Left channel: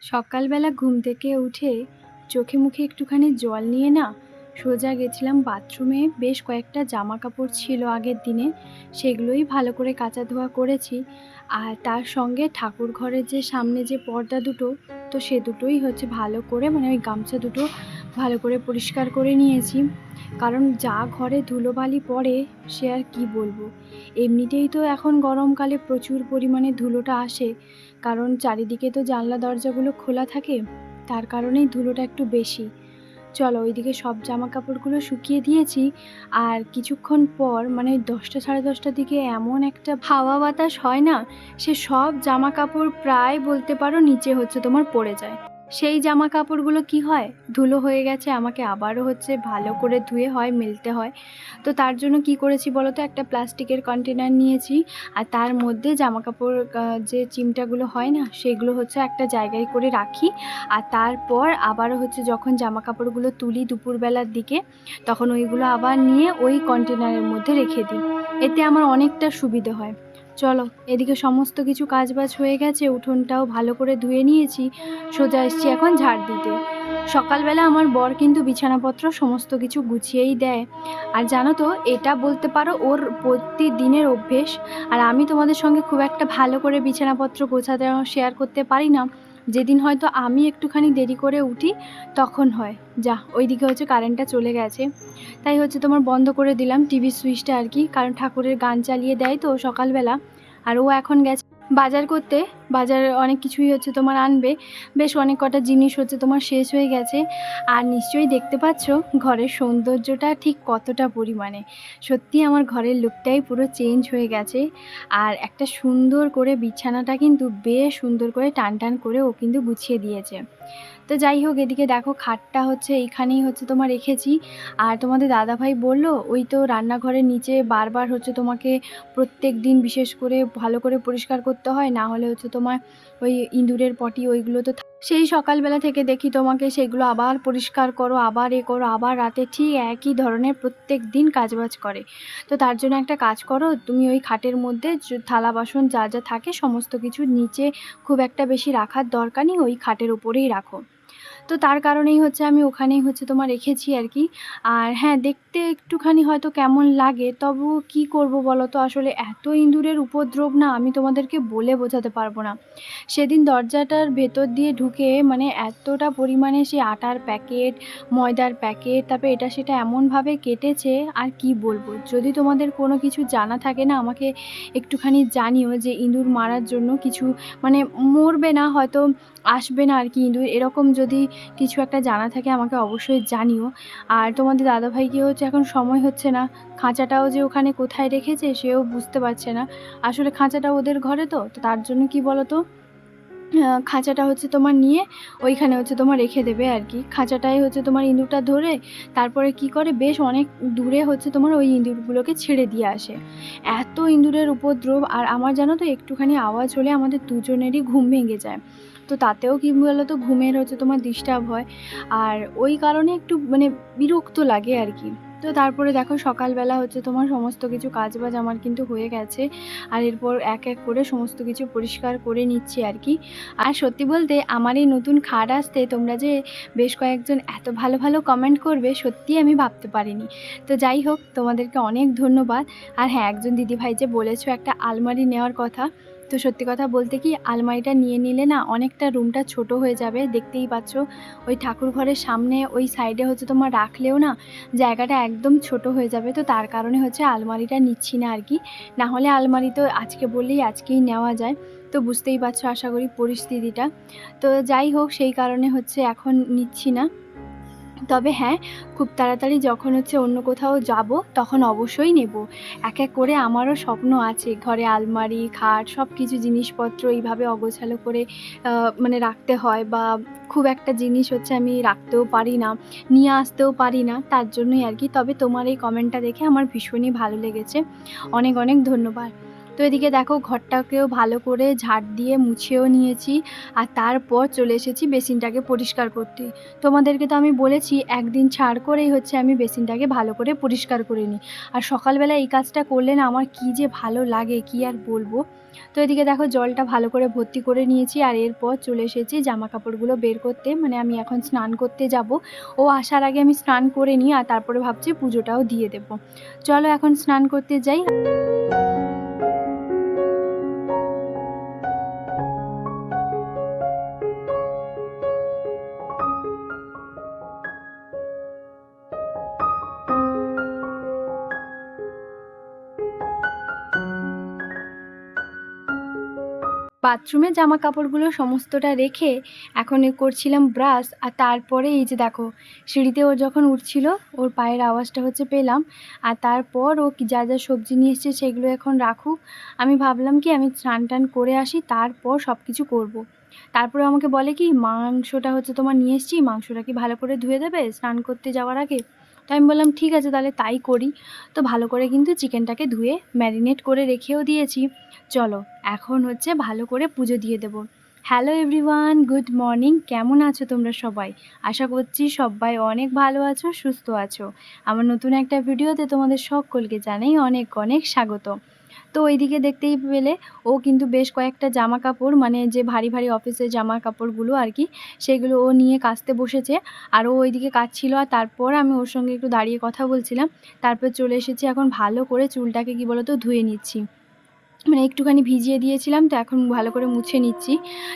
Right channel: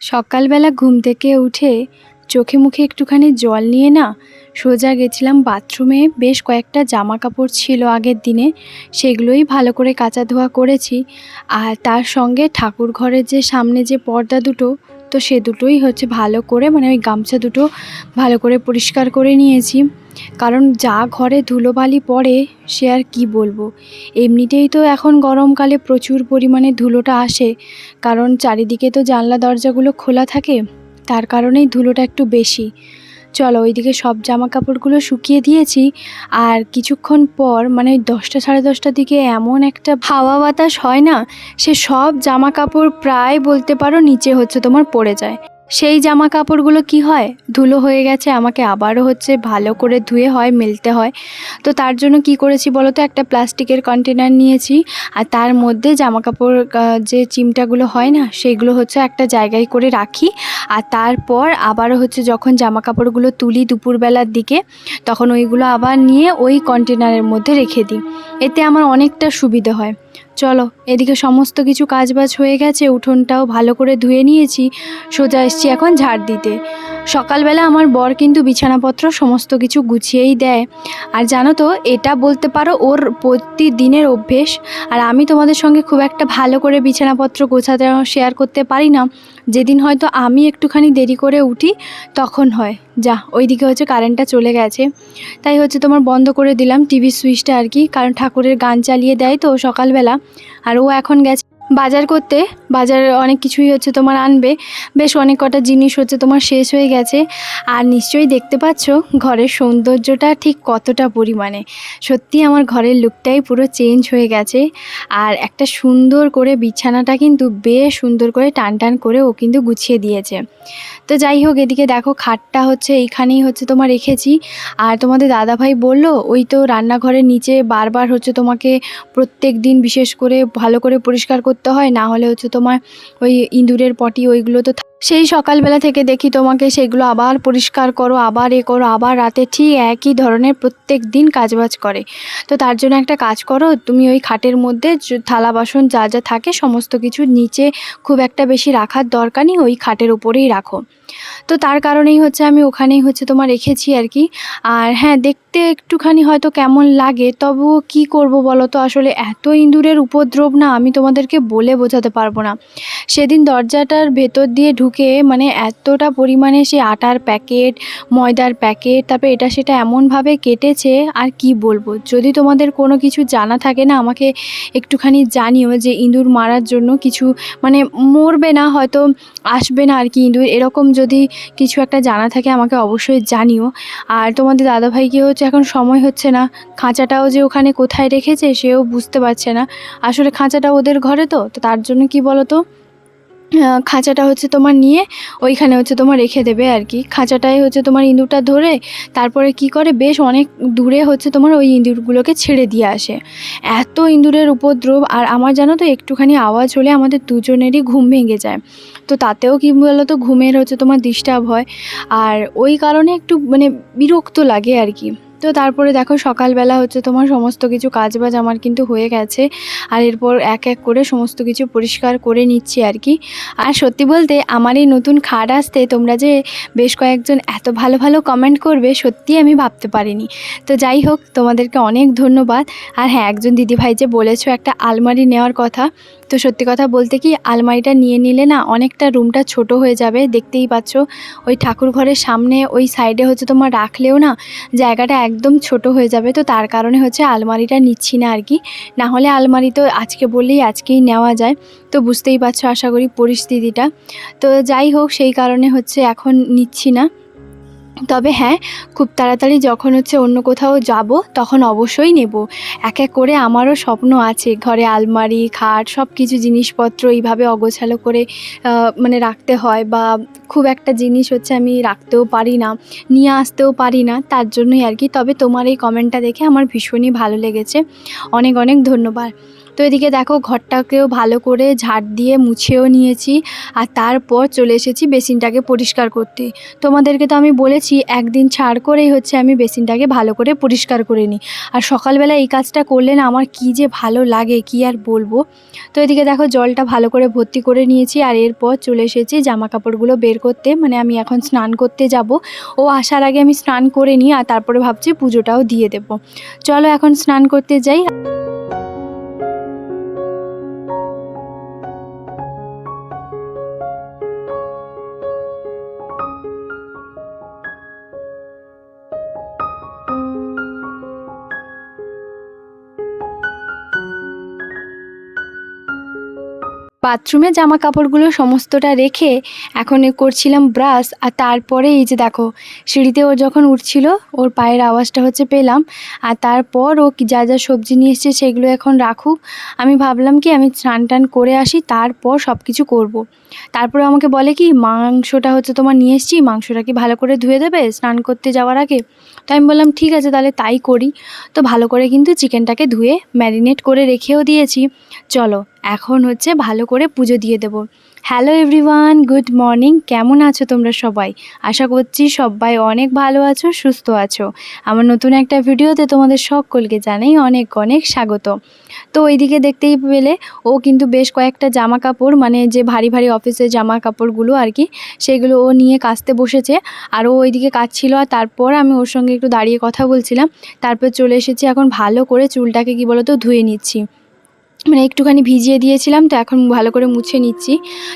সকালবেলা ঘুম থেকে উঠে চোখে মুখে একটুখানি জল নিয়ে না সোজা গেছিলাম বাথরুমে। বেশ কয়েকটা জামা কাপড় ছিল আগের দিনে, সেগুলোই ভালো করে কাচা ধোয়া করেছি। আর তার সঙ্গে ঠাকুর ঘরের যে সামনে যে পর্দা দুটো তো সে দুটোই হচ্ছে ভালো করে মানে ওই গামছা দুটো ভালো করে পরিষ্কার করে নিয়েছি। কারণ যা ঘরে ধুলোবালি পড়ে, সে আর কি বলব? এমনিতেই তো এখন গরমকালে প্রচুর পরিমাণে ধুলোটা আসে। কারণ চারিদিকে তো জানলা দরজাগুলো খোলা থাকে, তার কারণেই ধুলোটা একটু বেশি। চলো ওইদিকে সব জামা কাপড়গুলো শুকিয়ে দিয়েছি। আর কিছুক্ষণ পর মানে দশটা সাড়ে দশটার দিকে এমন একটা হাওয়া বাতাস হয় না, সে সব জামা কাপড় প্রায় বলতে পারো নিচে হচ্ছে তোমার পড়ে যায়। সেই জামা কাপড়গুলো কি হয়? ধুলো হয়ে গেছে, আমাকে আবারও হচ্ছে ভালো করে ধুয়ে হয়, মেলতে হয়। তো তার জন্য কি করেছি বলো তো? একটা প্লাস্টিকের কন্টেনার নিয়েছি। আর তার মধ্যে জামা কাপড় যে চিমটাগুলো হয় না, সেগুলো হচ্ছে একটা জায়গায় করে রাখি। আর তারপর আবারও হচ্ছে যখন জামা কাপড়গুলো তুলি দুপুরবেলার দিকে, তখন ওইগুলো আবার নিয়ে ওই কন্টেনারের মধ্যে রেখে দিই। এতে আমার অনেকটা সুবিধে হয়। চলো, এদিকে সমস্ত কিছু কাজবাজ হয়ে গেছে, উঠোনটাও ভালো করে ধুয়ে নিয়েছি, সোজা এসছি এখন ঝাড় দিতে। সকালবেলা আমার বর কিন্তু বিছানাপত্র সমস্ত কিছু গুছিয়েই দেয়। আর জানো তো, এটা বলতে পারো ওর প্রতিদিনের অভ্যেস, আর আমি তোমাদের সঙ্গে খুব একটা ভালো করে বিছানাপত্র গোছাতে শেয়ার করতে পারি না। যেদিন হয়তো আমি একটুখানি দেরি করে উঠি, তখন হয়। যা, ওইদিকে হচ্ছে কারেন্টটা চলে গেছে। তাই হচ্ছে তোমার বন্ধ করে দিলাম টিভি সুইচটা আর কি, কারণ ঠাকুরের গান চালিয়ে দেয় তো সকালবেলা। আর ও এখন গেছে বাজার করতে, বাজারে অনেক কিছুই হচ্ছে তোমার আনবে। বেশ অনেক কটা জিনিস হচ্ছে তোমার শেষ হয়ে গেছে। আর নিশ্চয়ই দেখতে পাচ্ছ, ঘরের সৌন্দর্যটা ঠিক কতটা পরিমাণে। সত্যি আমার ঘরের লুকটাই পুরো চেঞ্জ হয়ে গেছে। আর একটা সুন্দর করে বিছানাটা কিন্তু বেশ সুন্দর করে টান টান করে ও কিন্তু গুছিয়ে দিয়েছে। তো যাই হোক, এদিকে দেখো খাটটা হচ্ছে, এইখানেই হচ্ছে তোমার রেখেছি। আর তোমাদের দাদাভাই বলল, ওই তো রান্নাঘরের নিচে বারবার হচ্ছে তোমাকে প্রত্যেক দিন বিশেষ করে ভালো করে পরিষ্কার করতে হয়, না হলে হচ্ছে তোমার ওই ইঁদুরের পটি, ওইগুলো তো সেই সকালবেলা থেকে দেখি তোমাকে সেগুলো আবার পরিষ্কার করো, আবার এ করো, আবার রাতে ঠিক একই ধরনের প্রত্যেক দিন কাজবাজ করে। তো তার জন্য একটা কাজ করো, তুমি ওই খাটের মধ্যে থালা বাসন যা যা থাকে সমস্ত কিছু নিচে খুব একটা বেশি রাখার দরকার নেই, ওই খাটের উপরেই রাখো। তো তার কারণেই হচ্ছে আমি ওখানেই হচ্ছে তোমার রেখেছি আর কি। আর হ্যাঁ দেখতে একটুখানি হয়তো কেমন লাগে, তবুও কি করব বলো তো? আসলে এত ইঁদুরের উপদ্রব না, আমি তোমাদেরকে বলে বোঝাতে পারব না। সেদিন দরজাটার ভেতর দিয়ে ঢুকে মানে এতটা পরিমাণে সে আটার প্যাকেট, ময়দার প্যাকেট, তারপরে এটা সেটা এমনভাবে কেটেছে, আর কি বলব? যদি তোমাদের কোনো কিছু জানা থাকে না, আমাকে একটুখানি জানিও যে ইঁদুর মারার জন্য কিছু মানে মরবে না, হয়তো আসবে না আর কি ইঁদুর, এরকম যদি কিছু একটা জানা থাকে আমাকে অবশ্যই জানিও। আর তোমাদের দাদাভাইকে হচ্ছে এখন সময় হচ্ছে না। খাঁচাটাও যে ওখানে কোথায় রেখেছে সেও বুঝতে পারছে না। আসলে খাঁচাটা ওদের ঘরে তো তো তার জন্য কি বলো তো খাঁচাটা হচ্ছে তোমার নিয়ে ওইখানে হচ্ছে তোমার রেখে দেবে আর কি। খাঁচাটাই হচ্ছে তোমার ইঁদুরটা ধরে তারপরে কি করে? বেশ অনেক দূরে হচ্ছে তোমার ওই ইঁদুরগুলোকে ছেড়ে দিয়ে আসে। এত ইঁদুরের উপদ্রব আর আমার জানো তো, একটুখানি আওয়াজ হলে আমাদের দুজনেরই ঘুম ভেঙে যায়। তো তাতেও কি তো ঘুমের হচ্ছে তোমার ডিস্টার্ব হয়। আর ওই কারণে একটু মানে বিরক্ত লাগে আর কি। তো তারপরে দেখো সকালবেলা হচ্ছে তোমার সমস্ত কিছু কাজ বাজ আমার কিন্তু হয়ে গেছে। আর এরপর এক এক করে সমস্ত কিছু পরিষ্কার করে নিচ্ছি আর কি। আর সত্যি বলতে আমার এই নতুন খাট আসতে তোমরা যে বেশ কয়েকজন এত ভালো ভালো কমেন্ট করবে সত্যি আমি ভাবতে পারিনি। তো যাই হোক, তোমাদেরকে অনেক ধন্যবাদ। আর হ্যাঁ একজন দিদিভাই যে বলেছ একটা আলমারি নেওয়ার কথা, তো সত্যি কথা বলতে কি আলমারিটা নিয়ে নিলে না অনেকটা রুমটা ছোট হয়ে যাবে, দেখতেই পাচ্ছ। ওই ঠাকুর ঘরের সামনে ওই সাইডে হচ্ছে তোমার রাখলেও না জায়গাটা একদম ছোট হয়ে যাবে, তো তার কারণে হচ্ছে আলমারিটা নিচ্ছি না আর কি না হলে আলমারি তো আজকে বললেই আজকেই নেওয়া যায়, তো বুঝতেই পারছ আশা করি পরিস্থিতিটা। তো যাই হোক, সেই কারণে হচ্ছে এখন নিচ্ছি না। তবে হ্যাঁ খুব তাড়াতাড়ি যখন হচ্ছে অন্য কোথাও যাব, তখন অবশ্যই নেব। এক এক করে আমারও স্বপ্ন আছে, ঘরে আলমারি, খাট সব কিছু জিনিসপত্র এইভাবে অগোছালো করে মানে রাখতে হয় বা খুব একটা জিনিস হচ্ছে আমি রাখতেও পারি না, নিয়ে আসতেও পারি না, তার জন্যই আর কি। তবে তোমার এই কমেন্টটা দেখে আমার ভীষণই ভালো লেগেছে। অনেক অনেক ধন্যবাদ। তো এদিকে দেখো ঘরটাকেও ভালো করে ঝাড় দিয়ে মুছেও নিয়েছি আর তারপর চলে এসেছি বেসিনটাকে পরিষ্কার করতে। তোমাদেরকে তো আমি বলেছি একদিন ছাড় করেই হচ্ছে আমি বেসিনটাকে ভালো করে পরিষ্কার করে নিই। আর সকালবেলা এই কাজটা করলে না আমার কী যে ভালো লাগে, কি আর বলব? তো এদিকে দেখো জলটা ভালো করে ভর্তি করে নিয়েছি আর এরপর চলে এসেছি জামা কাপড়গুলো বের করতে। মানে আমি এখন স্নান করতে যাব। ও আসার আগে আমি স্নান করে নিই আর তারপরে ভাবছি পুজোটাও দিয়ে দেব। চলো এখন স্নান করতে যাই। বাথরুমে জামা কাপড়গুলো সমস্তটা রেখে এখন করছিলাম ব্রাশ, আর তারপরে এই যে দেখো, সিঁড়িতে ও যখন উঠছিল, ওর পায়ের আওয়াজটা হচ্ছে পেলাম, আর তারপর ও যা যা সবজি নিয়ে এসছে সেগুলো এখন রাখুক। আমি ভাবলাম কি আমি স্নান টান করে আসি, তারপর সব কিছু করব। তারপরে আমাকে বলে কি, মাংসটা হচ্ছে তোমার নিয়ে এসছি, মাংসটা কি ভালো করে ধুয়ে দেবে? স্নান করতে যাওয়ার আগে? তো আমি বললাম, ঠিক আছে, তাহলে তাই করি। তো ভালো করে কিন্তু চিকেনটাকে ধুয়ে ম্যারিনেট করে রেখেও দিয়েছি। চলো, এখন হচ্ছে ভালো করে পুজো দিয়ে দেবো। হ্যালো এভরিওয়ান গুড মর্নিং কেমন আছো তোমরা সবাই? আশা করছি সবাই অনেক ভালো আছো, সুস্থ আছো। আমার নতুন একটা ভিডিওতে তোমাদের সকলকে জানাই অনেক অনেক স্বাগত। তো ওইদিকে দেখতেই পেলে ও কিন্তু বেশ কয়েকটা জামা কাপড় মানে যে ভারী ভারী অফিসের জামা কাপড়গুলো আর কি, সেগুলো ও নিয়ে কাচতে বসেছে। আর ও ওইদিকে কাচছিল আর তারপর আমি ওর সঙ্গে একটু দাঁড়িয়ে কথা বলছিলাম। তারপর চলে এসেছি এখন ভালো করে চুলটাকে কি বলতো ধুয়ে নিচ্ছি। মানে একটুখানি ভিজিয়ে দিয়েছিলাম, তো এখন ভালো করে মুছে নিচ্ছি।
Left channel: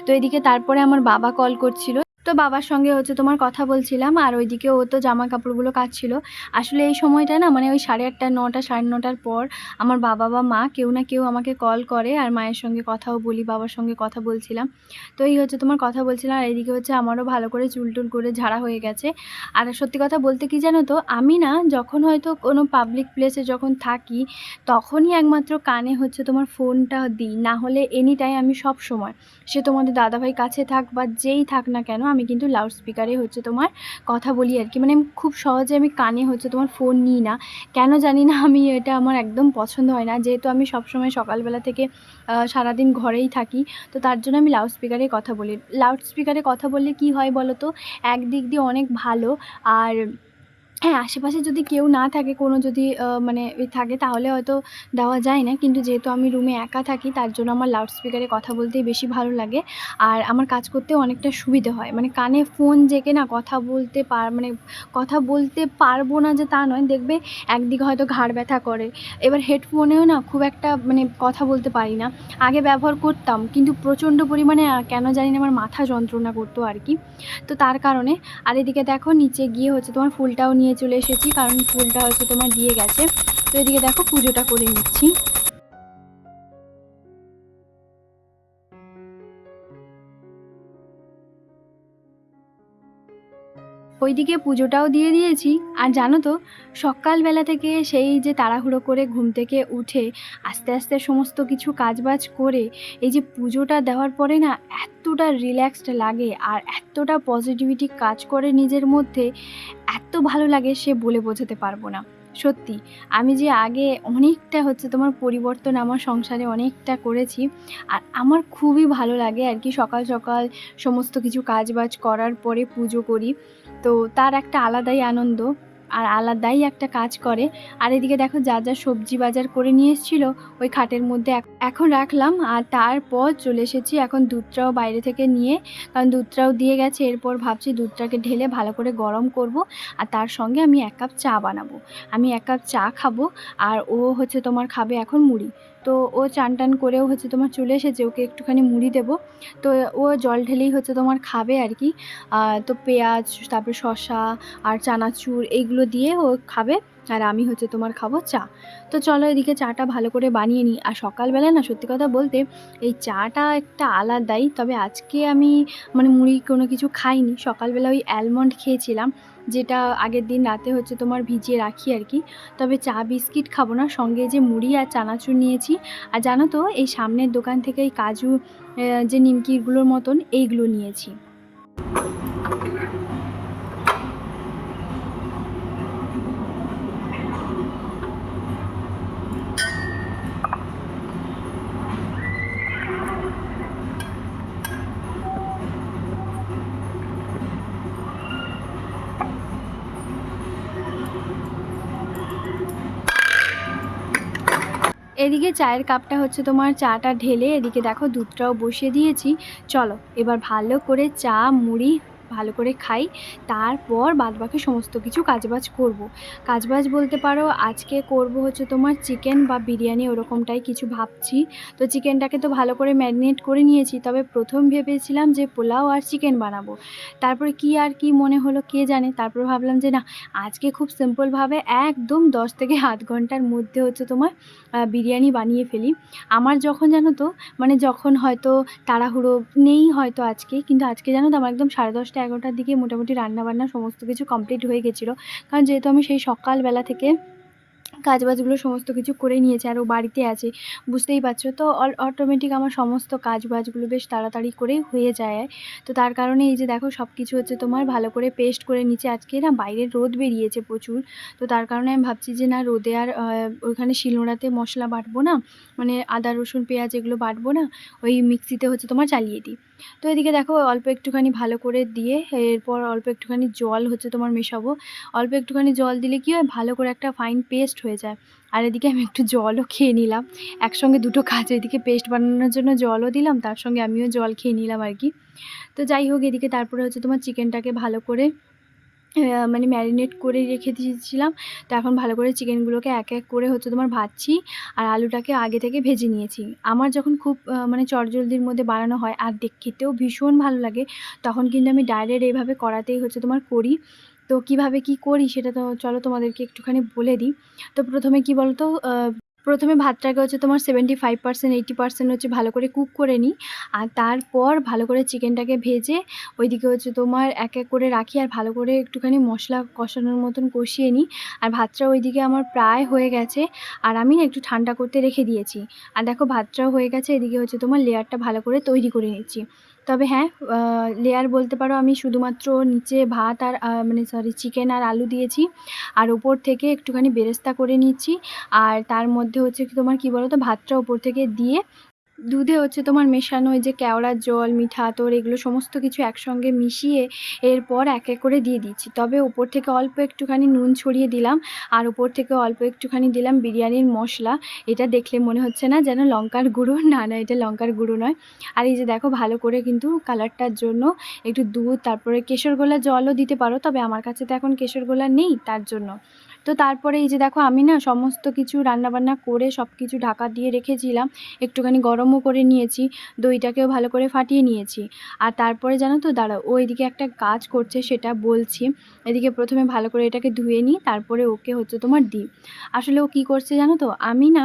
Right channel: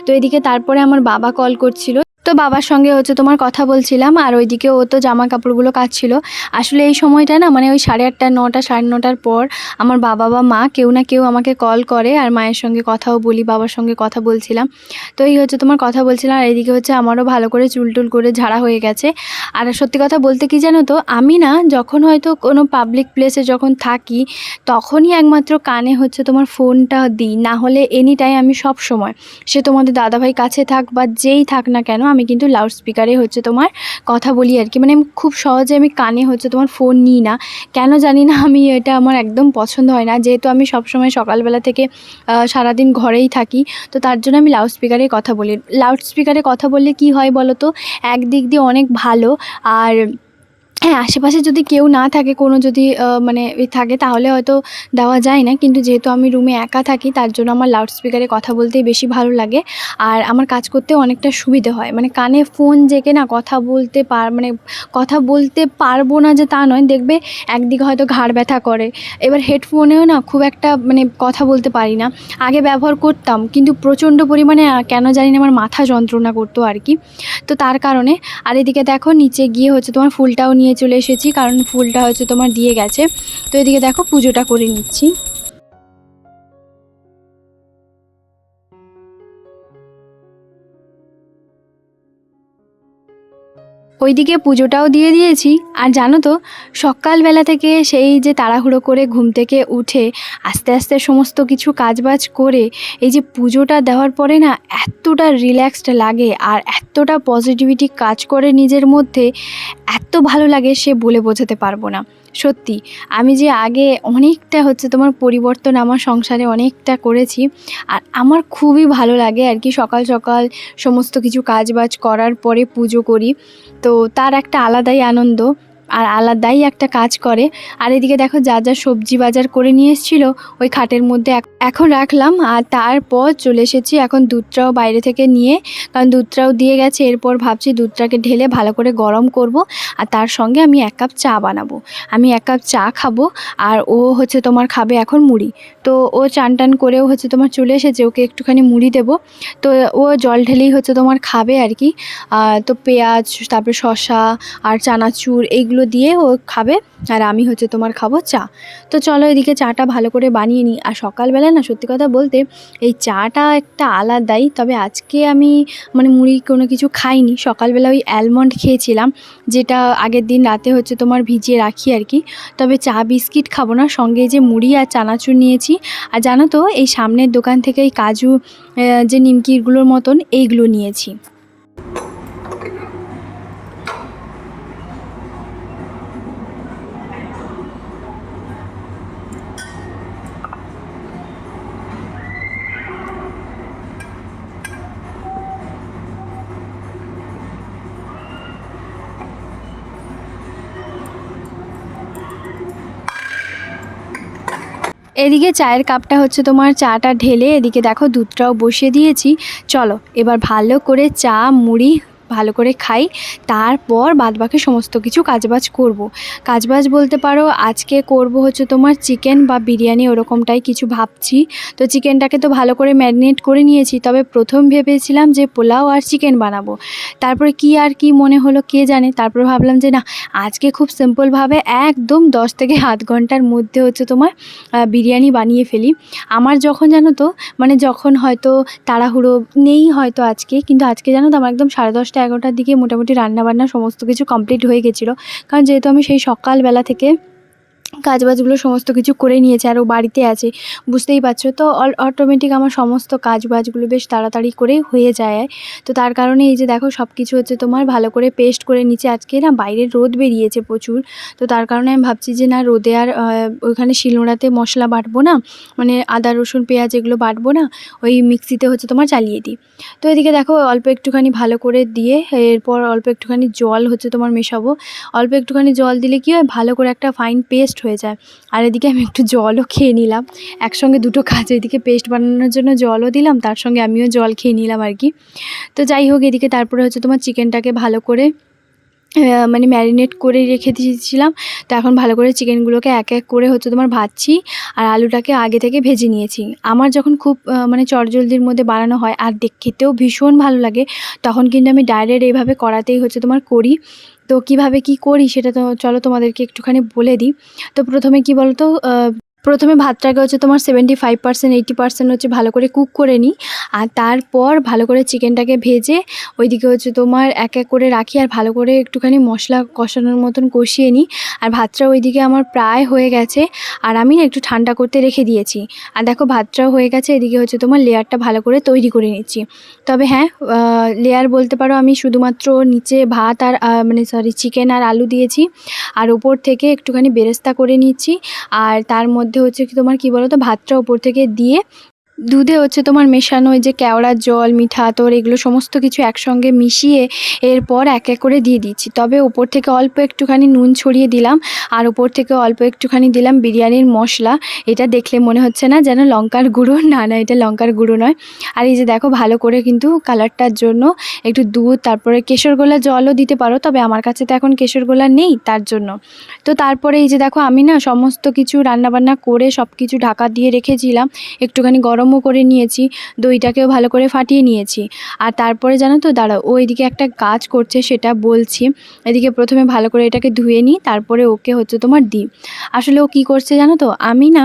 তো এদিকে তারপরে আমার বাবা কল করছিল। তো বাবার সঙ্গে হচ্ছে তোমার কথা বলছিলাম, আর ওইদিকে ও তো জামা কাপড়গুলো কাচ্ছিল। আসলে এই সময়টা না মানে ওই সাড়ে আটটা, নটা, সাড়ে নটার পর আমার বাবা বা মা কেউ না কেউ আমাকে কল করে, আর মায়ের সঙ্গে কথাও বলি, বাবার সঙ্গে কথা বলছিলাম। তো এই হচ্ছে তোমার কথা বলছিলাম, আর এইদিকে হচ্ছে আমারও ভালো করে চুল টুল করে ঝাড়া হয়ে গেছে। আর সত্যি কথা বলতে কি জানো তো, আমি না যখন হয়তো কোনো পাবলিক প্লেসে যখন থাকি, তখনই একমাত্র কানে হচ্ছে তোমার ফোনটা দিই, না হলে এনি টাইম আমি সব সময় সে তোমাদের দাদাভাই কাছে থাক বা যেই থাক না কেন আমি কিন্তু লাউড স্পিকারে হচ্ছে তোমার কথা বলি আর কি। মানে খুব সহজে আমি কানে হচ্ছে তোমার ফোন নিই না। কেন জানি না আমি এটা আমার একদম পছন্দ হয় না। যেহেতু আমি সবসময় সকালবেলা থেকে সারাদিন ঘরেই থাকি, তো তার জন্য আমি লাউড স্পিকারে কথা বলি। লাউড স্পিকারে কথা বললে কি হয় বলো তো একদিক দিয়ে অনেক ভালো, আর হ্যাঁ আশেপাশে যদি কেউ না থাকে, কোনো যদি মানে থাকে, তাহলে হয়তো দেওয়া যায় না। কিন্তু যেহেতু আমি রুমে একা থাকি, তার জন্য আমার লাউড স্পিকারে কথা বলতেই বেশি ভালো লাগে। আর আমার কাজ করতে অনেকটা সুবিধে হয়। মানে কানে ফোন জেকে না কথা বলতে পার মানে কথা বলতে পারব না যে তা নয়, দেখবে একদিকে হয়তো ঘাড় ব্যথা করে। এবার হেডফোনেও না খুব একটা মানে কথা বলতে পারি না। আগে ব্যবহার করতাম, কিন্তু প্রচণ্ড পরিমাণে কেন জানি না আমার মাথা যন্ত্রণা করতো আর কি। তো তার কারণে, আর এদিকে দেখো, নিচে গিয়ে হচ্ছে তোমার ফুলটাও নিয়ে চলে এসেছি কারণ ফুলটা হয়তো তোমার দিয়ে গেছে। তো এদিকে দেখো পুজোটা করে নিচ্ছি। ওইদিকে পুজোটাও দিয়ে দিয়েছি। আর জানো তো, সকালবেলা থেকে সেই যে তাড়াহুড়ো করে ঘুম থেকে উঠে আস্তে আস্তে সমস্ত কিছু কাজবাজ করে, এই যে পুজোটা দেওয়ার পরে না এতটা রিল্যাক্সড লাগে আর এতটা পজিটিভিটি কাজ করে নিজের মধ্যে, এত ভালো লাগে সে বলে বোঝাতে পারব না। সত্যি, আমি যে আগে অনেকটা হচ্ছে তোমার পরিবর্তন আমার সংসারে অনেকটা করেছি আর আমার খুবই ভালো লাগে আর কি সকাল সকাল সমস্ত কিছু কাজবাজ করার পরে পুজো করি। তো তার একটা আলাদাই আনন্দ। আর আলাদাই একটা কাজ করে। আর এদিকে দেখো যা যা সবজি বাজার করে নিয়ে এসেছিল, ওই খাটের মধ্যে এখন রাখলাম। আর তারপর চলে এসেছি এখন দুধটাও বাইরে থেকে নিয়ে, কারণ দুধটাও দিয়ে গেছে। এরপর ভাবছি দুধটাকে ঢেলে ভালো করে গরম করব। আর তার সঙ্গে আমি এক কাপ চা বানাবো। আমি এক কাপ চা খাব। আর ও হচ্ছে তোমার খাবে এখন মুড়ি। তো ও চান টান করেও হচ্ছে তোমার চলে এসেছে। ওকে একটুখানি মুড়ি দেবো। তো ও জল ঢেলেই হচ্ছে তোমার খাবে আর কি। তো পেঁয়াজ, তারপরে শসা, আর চানাচুর, এইগুলো দিয়ে ও খাবে। আর আমি হচ্ছে তোমার খাব চা। তো চলো এদিকে চাটা ভালো করে বানিয়ে নিই। আর সকালবেলা না সত্যি কথা বলতে এই চাটা একটা আলাদাই। তবে আজকে আমি মানে মুড়ি কোনো কিছু খাইনি। সকালবেলা ওই অ্যালমন্ড খেয়েছিলাম, যেটা আগের দিন রাতে হচ্ছে তোমার ভিজিয়ে রাখি আর কি। তবে চা বিস্কিট খাব না। সঙ্গে যে মুড়ি আর চানাচুর নিয়েছি। আর জানো তো, এই সামনের দোকান থেকে এই কাজু যে নিমকিগুলোর মতন, এইগুলো নিয়েছি। এদিকে চায়ের কাপটা হচ্ছে তোমার চাটা ঢেলে, এদিকে দেখো দুধটাও বসিয়ে দিয়েছি। চলো, এবার ভালো করে চা, মুড়ি ভালো করে খাই, তারপর বাদবাকি সমস্ত কিছু কাজবাজ করব। কাজবাজ বলতে পারো, আজকে করব হচ্ছে তোমার চিকেন বা বিরিয়ানি ওরকমটাই কিছু ভাবছি। তো চিকেনটাকে তো ভালো করে ম্যারিনেট করে নিয়েছি, তবে প্রথম ভেবেছিলাম যে পোলাও আর চিকেন বানাবো। তারপরে কি আর কি মনে হলো কে জানে, তারপর ভাবলাম যে না, আজকে খুব সিম্পলভাবে একদম দশ থেকে আধ ঘণ্টার মধ্যে হচ্ছে তোমার বিরিয়ানি বানিয়ে ফেলি। আমার যখন জানো তো মানে যখন হয়তো তাড়াহুড়ো নেই হয়তো আজকে, কিন্তু আজকে জানো তো আমার একদম সাড়ে দশটা এগারোটার দিকে মোটামুটি রান্নাবান্না সমস্ত কিছু কমপ্লিট হয়ে গেছিল। কারণ যেহেতু আমি সেই সকালবেলা থেকে কাজবাজগুলো সমস্ত কিছু করে নিয়েছে আর ও বাড়িতে আছে, বুঝতেই পারছ? তো অটোমেটিক আমার সমস্ত কাজবাজগুলো বেশ তাড়াতাড়ি করেই হয়ে যায়। তো তার কারণে এই যে দেখো সব কিছু হচ্ছে তোমার ভালো করে পেস্ট করে নিচে আজকে না বাইরে রোদ বেরিয়েছে প্রচুর। তো তার কারণে আমি ভাবছি যে না রোদে আর ওইখানে শিলনোড়াতে মশলা বাটবো না মানে আদা, রসুন, পেঁয়াজ এগুলো বাটবো না, ওই মিক্সিতে হচ্ছে তোমার চালিয়ে দিই। তো এদিকে দেখো, অল্প একটুখানি ভালো করে দিয়ে এরপর অল্প একটুখানি জল হচ্ছে তোমার মেশাবো। অল্প একটুখানি জল দিলে কি হয়, ভালো করে একটা ফাইন পেস্ট হয়ে যায়। আর এদিকে আমি একটু জলও খেয়ে নিলাম। একসঙ্গে দুটো কাজ এদিকে পেস্ট বানানোর জন্য জলও দিলাম, তার সঙ্গে আমিও জল খেয়ে নিলাম আর কি। তো যাই হোক, এদিকে তারপরে হচ্ছে তোমার চিকেনটাকে ভালো করে মানে ম্যারিনেট করে রেখে দিয়েছিলাম। তো এখন ভালো করে চিকেনগুলোকে এক এক করে হচ্ছে তোমার ভাজছি আর আলুটাকে আগে থেকে ভেজে নিয়েছি। আমার যখন খুব মানে চটজলদির মধ্যে বানানো হয় আর দেখতেও ভীষণ ভালো লাগে, তখন কিন্তু আমি ডাইরেক্ট এইভাবে করাতেই হচ্ছে তোমার করি। তো কীভাবে কি করি সেটা তো চলো তোমাদেরকে একটুখানি বলে দিই। তো প্রথমে কি বলতো প্রথমে ভাতটাকে হচ্ছে তোমার seventy five percent eighty percent হচ্ছে ভালো করে কুক করে নিই। আর তারপর ভালো করে চিকেনটাকে ভেজে ওইদিকে হচ্ছে তোমার এক এক করে রাখি আর ভালো করে একটুখানি মশলা কষানোর মতন কষিয়ে নিই। আর ভাতটা ওইদিকে আমার প্রায় হয়ে গেছে আর আমি একটু ঠান্ডা করতে রেখে দিয়েছি। আর দেখো ভাতটাও হয়ে গেছে, এদিকে হচ্ছে তোমার লেয়ারটা ভালো করে তৈরি করে নিচ্ছি। তবে হ্যাঁ লেয়ার বলতে পারো আমি শুধুমাত্র নিচে ভাত আর মানে সরি চিকেন আর আলু দিয়েছি। আর ওপর থেকে একটুখানি বেরেস্তা করে নিচ্ছি। আর তার মধ্যে হচ্ছে কি তোমার কি বলো তো ভাতটা ওপর থেকে দিয়ে দুধে হচ্ছে তোমার মেশানো ওই যে কেওড়ার জল, মিঠা আতর, এগুলো সমস্ত কিছু একসঙ্গে মিশিয়ে এরপর এক এক করে দিয়ে দিচ্ছি। তবে ওপর থেকে অল্প একটুখানি নুন ছড়িয়ে দিলাম আর ওপর থেকে অল্প একটুখানি দিলাম বিরিয়ানির মশলা। এটা দেখলে মনে হচ্ছে না যেন লঙ্কার গুঁড়ো। না না, এটা লঙ্কার গুঁড়ো নয়। আর এই যে দেখো, ভালো করে কিন্তু কালারটার জন্য একটু দুধ, তারপরে কেশর গোলা জলও দিতে পারো, তবে আমার কাছে তো এখন কেশর গোলা নেই তার জন্য। তো তারপরে এই যে দেখো, আমি না সমস্ত কিছু রান্নাবান্না করে সব কিছু ঢাকা দিয়ে রেখেছিলাম। একটুখানি গরমও করে নিয়েছি, দইটাকেও ভালো করে ফাটিয়ে নিয়েছি। আর তারপরে জানো তো দাঁড়াও ও এদিকে একটা কাজ করছে, সেটা বলছি। এদিকে প্রথমে ভালো করে এটাকে ধুয়ে নিই, তারপরে ওকে হচ্ছে তোমার দিই। আসলে ও কী করছে জানো তো, আমি না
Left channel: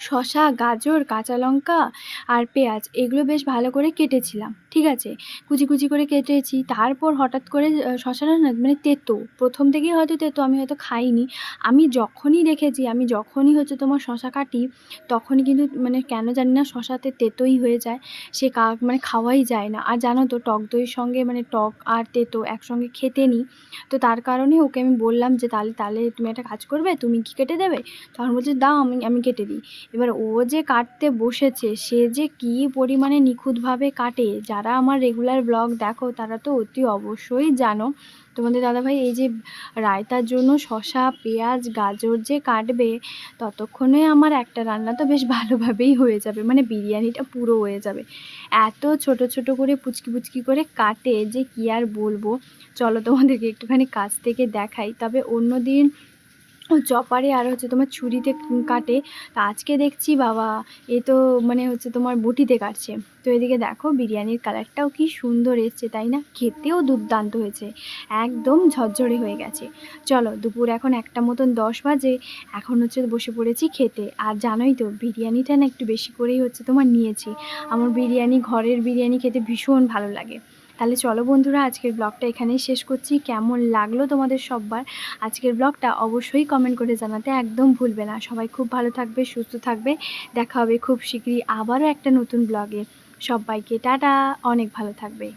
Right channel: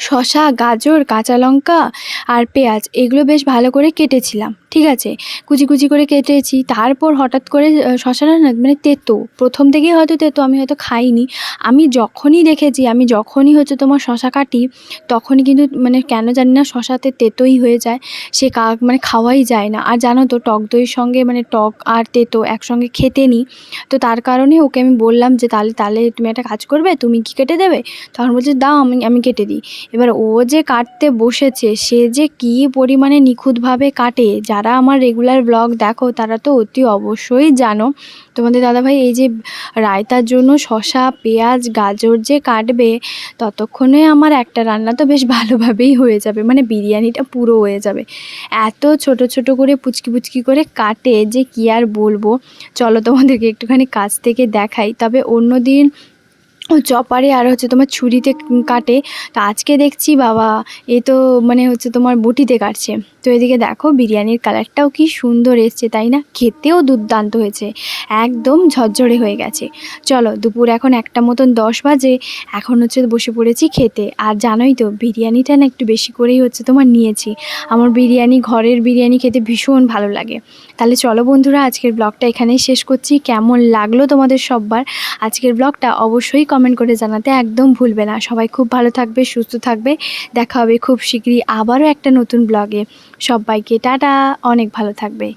শসা, গাজর, কাঁচা লঙ্কা আর পেঁয়াজ, এগুলো বেশ ভালো করে কেটেছিলাম, ঠিক আছে? কুচি কুচি করে কেটেছি, তারপর হঠাৎ করে শসাটা না মানে তেতো, প্রথম থেকেই হয়তো তেতো, আমি হয়তো খাইনি। আমি যখনই দেখেছি, আমি যখনই হচ্ছে তোমার শশা কাটি, তখনই কিন্তু মানে কেন জানি না, শসাতে তেতোই হয়ে যায়, সে কা মানে খাওয়াই যায় না। আর জানো তো, টক দইয়ের সঙ্গে মানে টক আর তেতো একসঙ্গে খেতে নিই। তো তার কারণে ওকে আমি বললাম যে, তাহলে তাহলে তুমি একটা কাজ করবে, তুমি কি কেটে দেবে? তখন বলছে, দাও, আমি আমি কেটে দিই। এবার ও যে কাটতে বসেছে, সে যে কী পরিমাণে নিখুঁতভাবে কাটে, যারা আমার রেগুলার ব্লগ দেখো, তারা তো অতি অবশ্যই জানো। তোমাদের দাদাভাই, এই যে রায়তার জন্য শসা, পেঁয়াজ, গাজর যে কাটবে, ততক্ষণে আমার একটা রান্না তো বেশ ভালোভাবেই হয়ে যাবে মানে বিরিয়ানিটা পুরো হয়ে যাবে। এত ছোট ছোট করে পুচকি পুচকি করে কাটে, যে কী আর বলব। চলো তোমাদেরকে একটুখানি কাছ থেকে দেখাই। তবে অন্য দিন চপারে আর হচ্ছে তোমার ছুরিতে কাটে। তো আজকে দেখছি বাবা, এ তো মানে হচ্ছে তোমার বটিতে কাটছে। তো এদিকে দেখো বিরিয়ানির কালারটাও কি সুন্দর এসছে, তাই না? খেতেও দুর্দান্ত হয়েছে, একদম ঝরঝরে হয়ে গেছে। চলো দুপুর এখন একটা মতন দশ বাজে, এখন হচ্ছে বসে পড়েছি খেতে। আর জানোই তো বিরিয়ানিটা না একটু বেশি করেই হচ্ছে তোমার নিয়েছি। আমার বিরিয়ানি, ঘরের বিরিয়ানি খেতে ভীষণ ভালো লাগে। তাহলে চলো বন্ধুরা, আজকের ব্লগটা এখানেই শেষ করছি। কেমন লাগল তোমাদের সববার? আজকের ব্লগটা অবশ্যই কমেন্ট করে জানাতে একদম ভুলবে না। সবাই খুব ভালো থাকবে, সুস্থ থাকবে। দেখা হবে খুব শীঘ্রই আবারও একটা নতুন ব্লগে সবাইকে টাটা, অনেক ভালো থাকবে।